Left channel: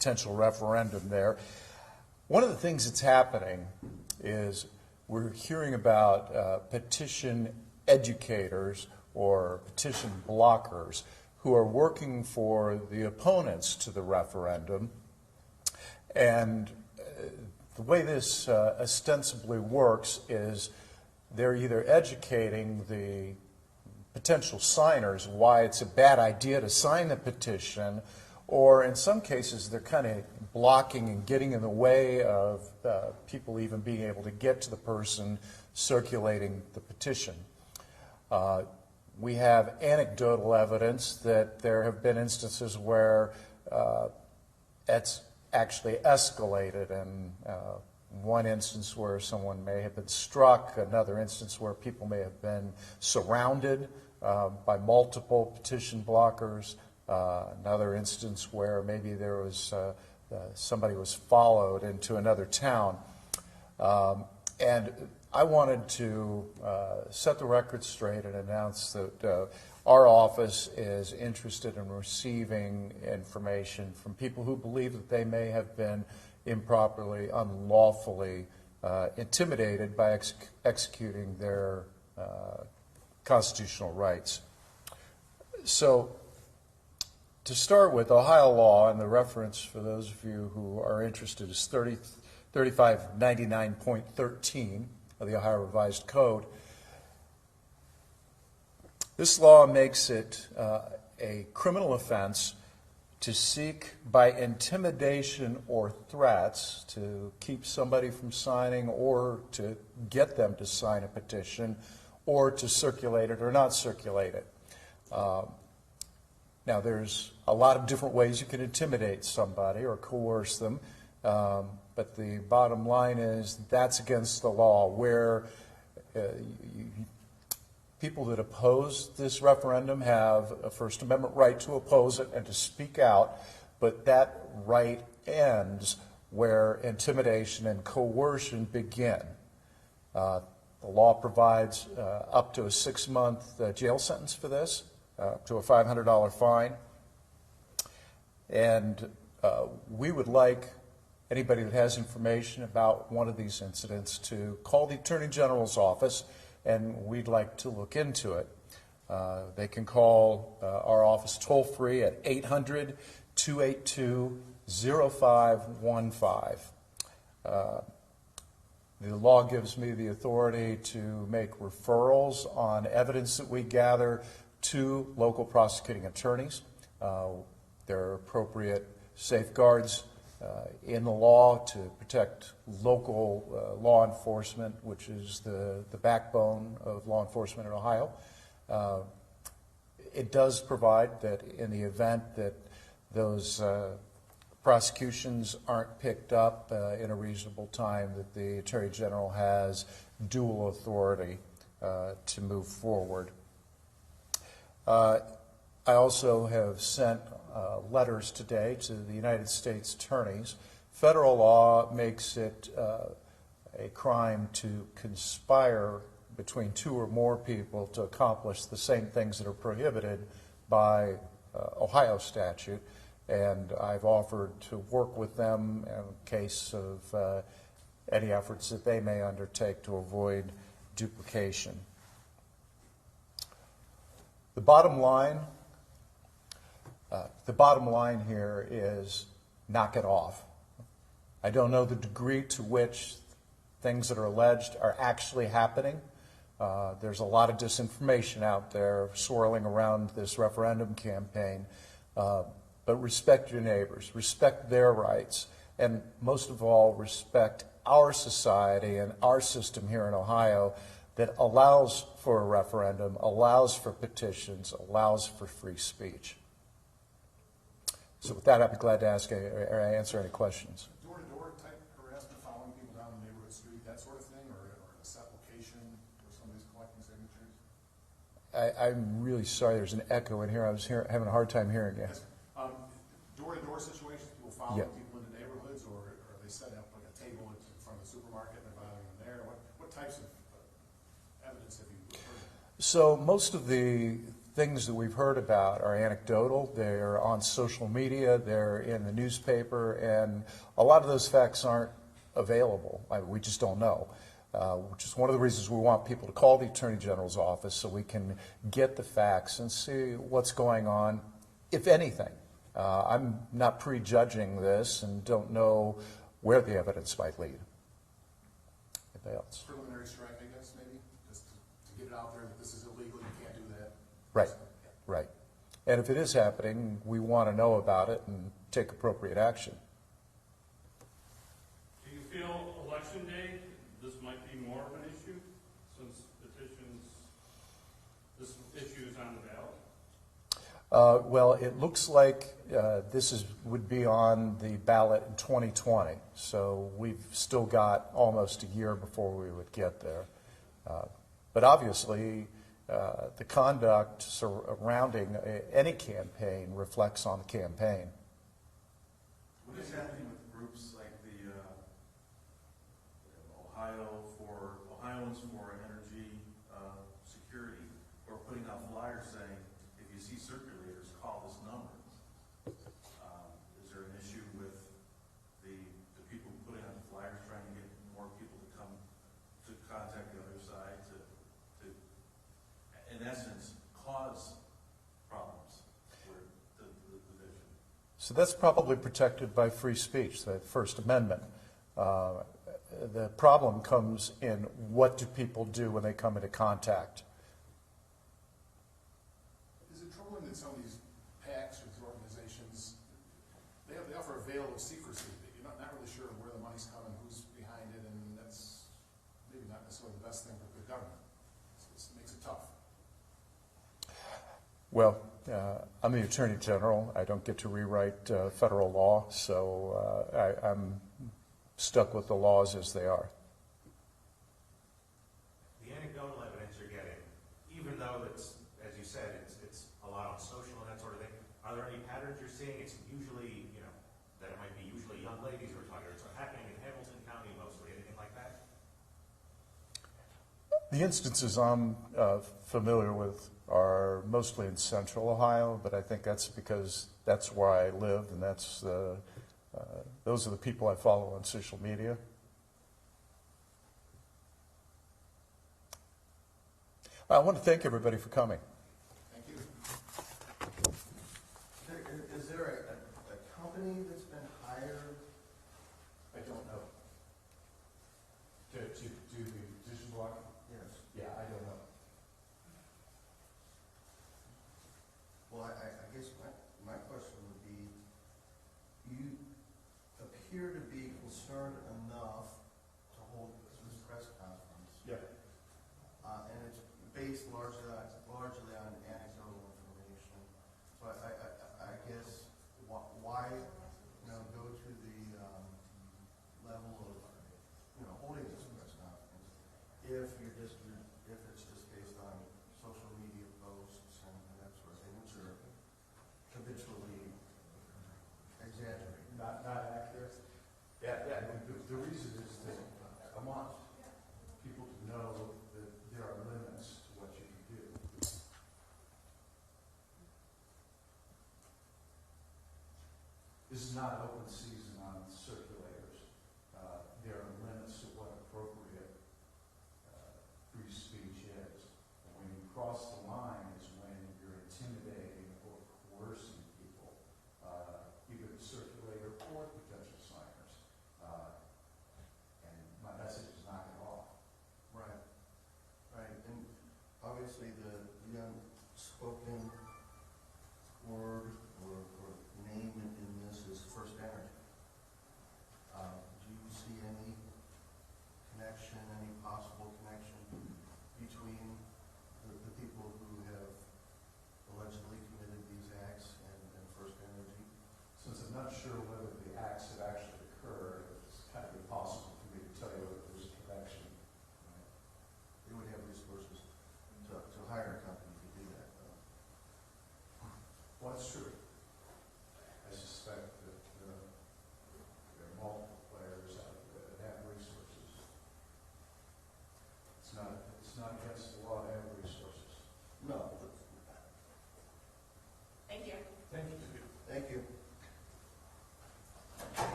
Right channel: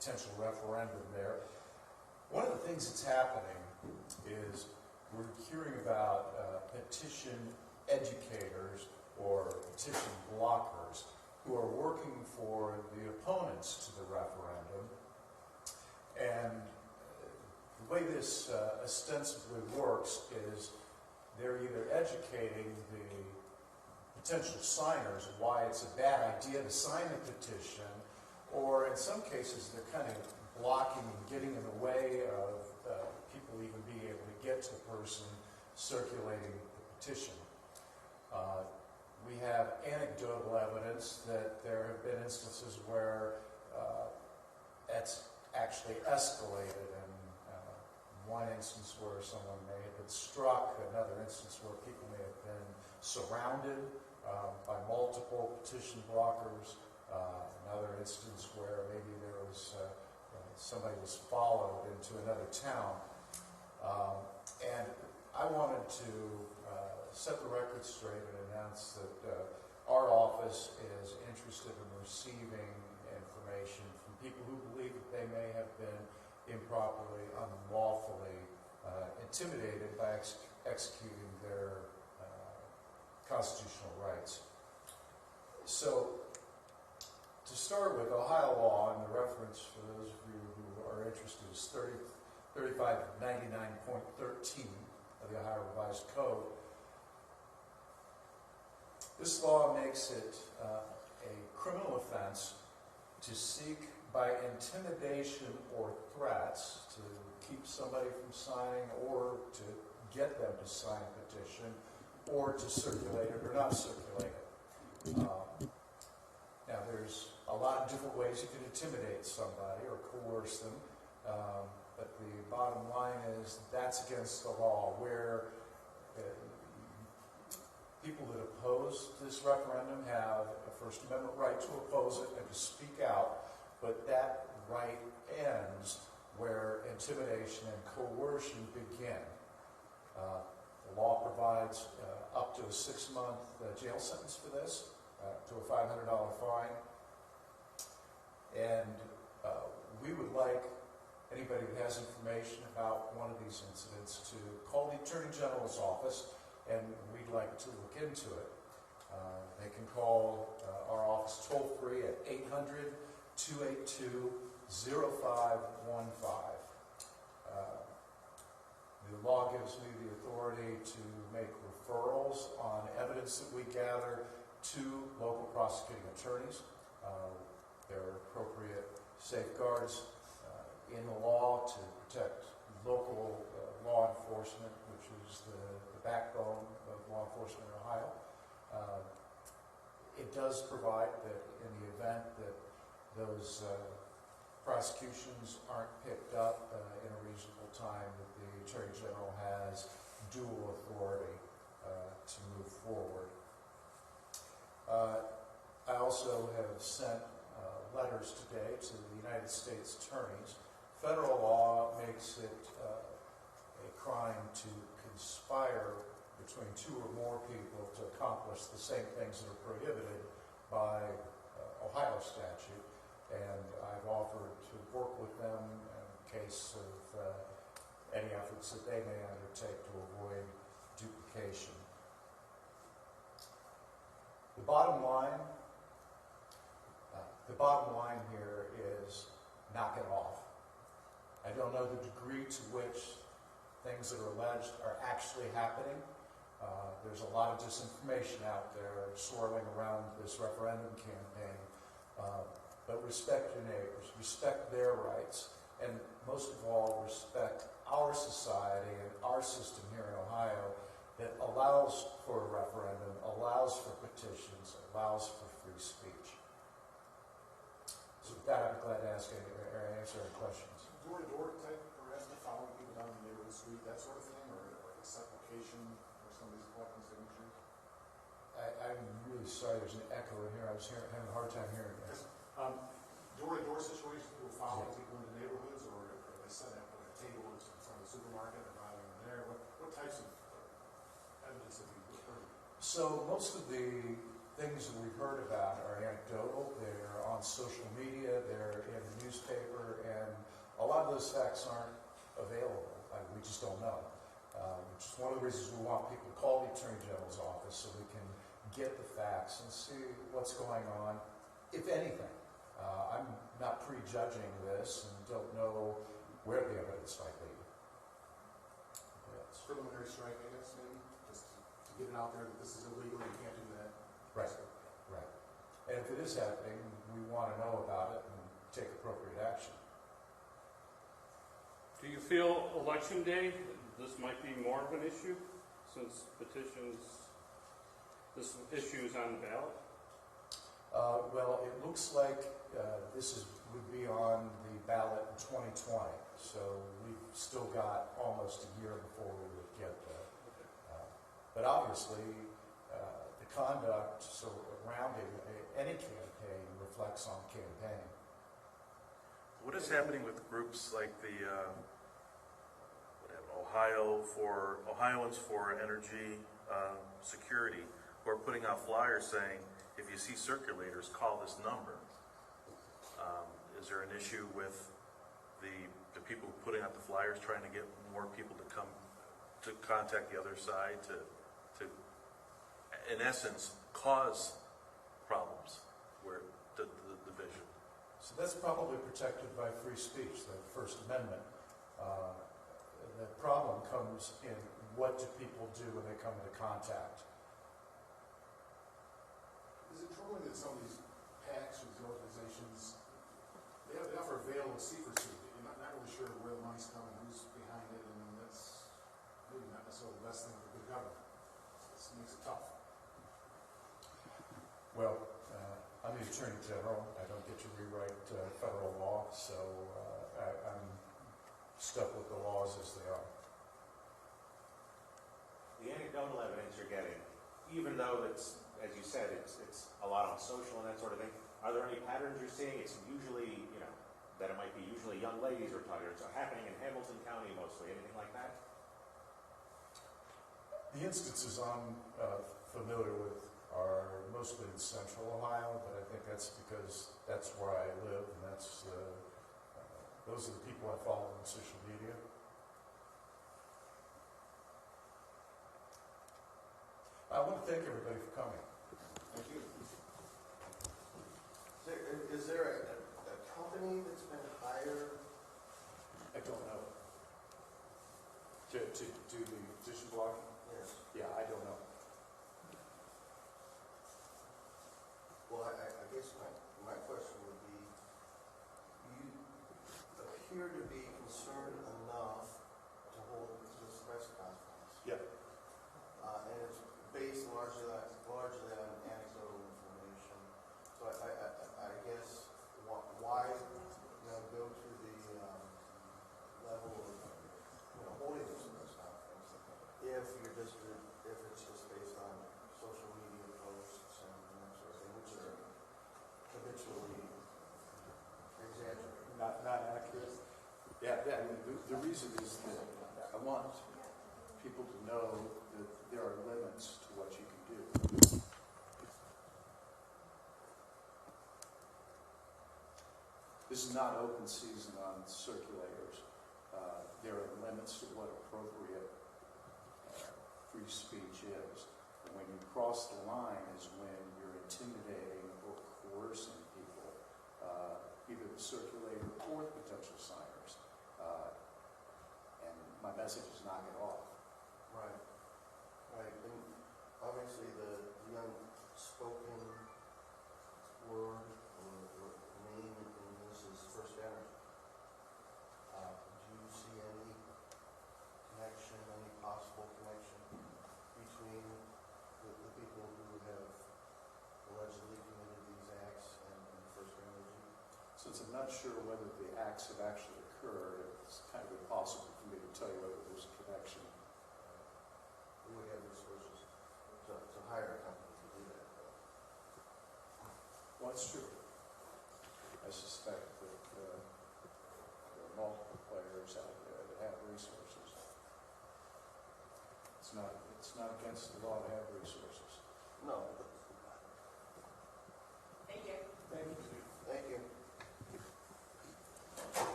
potential referendum there. One of the things that's happening is we're hearing about petition educators or petition blockers who are working for the opponents to the referendum. And the way this ostensibly works is they're either educating the potential signers why it's a bad idea to sign the petition, or in some cases they're kind of blocking and getting in the way of people even being able to get to the person circulating the petition. We have anecdotal evidence that there have been instances where it's actually escalated, and one instance where someone may have been struck, another instance where people may have been surrounded by multiple petition blockers, another instance where maybe there was somebody was followed into another town. And I wanted to set the record straight and announce that our office is interested in receiving information from people who believe that they may have been improperly, unlawfully intimidated by executing their constitutional rights. So, to start with, Ohio law, and the reference for those of you who are interested is 3599.13 of the Ohio Revised Code. This law makes it a criminal offense to seek by intimidation or threats to keep somebody from signing, or to get them to sign a petition, or to circulate it or not circulate it. Now, there's a lot of different ways you can intimidate somebody or coerce them, but the bottom line is that's against the law, where people that oppose this referendum have a First Amendment right to oppose it and to speak out, but that right ends where intimidation and coercion begin. The law provides up to a 6-month jail sentence for this, up to a $500 fine. And we would like anybody that has information about one of these incidents to call the Attorney General's office, and we'd like to look into it. They can call our office toll-free at 800-282-0515. The law gives me the authority to make referrals on evidence that we gather to local prosecuting attorneys. There are appropriate safeguards in the law to protect local law enforcement, which is the backbone of law enforcement in Ohio. It does provide that in the event that those prosecutions aren't picked up in a reasonable time, that the Attorney General has dual authority to move forward. I also have sent letters today to the United States attorneys. Federal law makes it a crime to conspire between 2 or more people to accomplish the same things that are prohibited by Ohio statute, and I've offered to work with them in case of any efforts that they may undertake to avoid duplication. The bottom line here is knock it off. I don't know the degree to which things that are alleged are actually happening. There's a lot of disinformation out there swirling around this referendum campaign. But respect your neighbors, respect their rights, and most of all, respect our society and our system here in Ohio that allows for a referendum, allows for petitions, allows for free speech. So with that, I'd be glad to answer any questions. Door-to-door type harassment, following people down the neighborhood street, that sort of thing, or a supplication, or somebody's collecting signatures? I'm really sorry, there's an echo in here. I was having a hard time hearing you. Yes. Door-to-door situations, people following people in the neighborhoods, or are they setting up like a table in front of the supermarket and bothering them there? What types of evidence have you heard? So most of the things that we've heard about are anecdotal, they're on social media, they're in the newspaper, and a lot of those facts aren't available. We just don't know, which is one of the reasons we want people to call the Attorney General's office so we can get the facts and see what's going on, if anything. I'm not prejudging this and don't know where the evidence might lead. Anybody else? Preliminary strike, I guess, maybe, just to get it out there that this is illegal, you can't do that. Right, right. And if it is happening, we want to know about it and take appropriate action. Do you feel election day, this might be more of an issue since petitions, this issue is on the ballot? Well, it looks like this would be on the ballot in 2020, so we've still got almost a year before we would get there. But obviously, the conduct surrounding any campaign reflects on the campaign. What is happening with groups like the Ohioans for Energy Security, who are putting out flyers saying, if you see circulators, call this number? Is there an issue with the people putting out the flyers trying to get more people to come to contact the other side to in essence, cause problems where the division? So that's probably protected by free speech, the First Amendment. The problem comes in what do people do when they come into contact. Is it troubling that some of these PACs or these organizations, they offer a veil of secrecy? You're not really sure where the money's coming, who's behind it, and that's maybe not necessarily the best thing for the government. It makes it tough. Well, I'm the Attorney General. I don't get to rewrite federal law, so I'm stuck with the laws as they are. The anecdotal evidence you're getting, even though it's, as you said, it's a lot on social and that sort of thing, are there any patterns you're seeing? It's usually, that it might be usually young ladies we're talking about. It's happening in Hamilton County mostly. Anything like that? The instances I'm familiar with are mostly in central Ohio, but I think that's because that's where I live, and that's those are the people I follow on social media. I want to thank everybody for coming. Thank you. Is there a company that's been hired? I don't know. To do the petition block? Yes. Yeah, I don't know. Well, I guess my question would be, you appear to be concerned enough to hold this press conference. Yeah. And it's based largely on anecdotal information. So I guess why go to the level of holding this press conference if it's just based on social media posts and that sort of thing, which are habitually exaggerated. Not accurate. Yeah, I mean, the reason is that I want people to know that there are limits to what you can do. This is not open season on circulators. There are limits to what appropriate free speech is. And when you cross the line is when you're intimidating or coercing people, either the circulator or potential signers. And my message is knock it off. Right. And obviously the unspoken word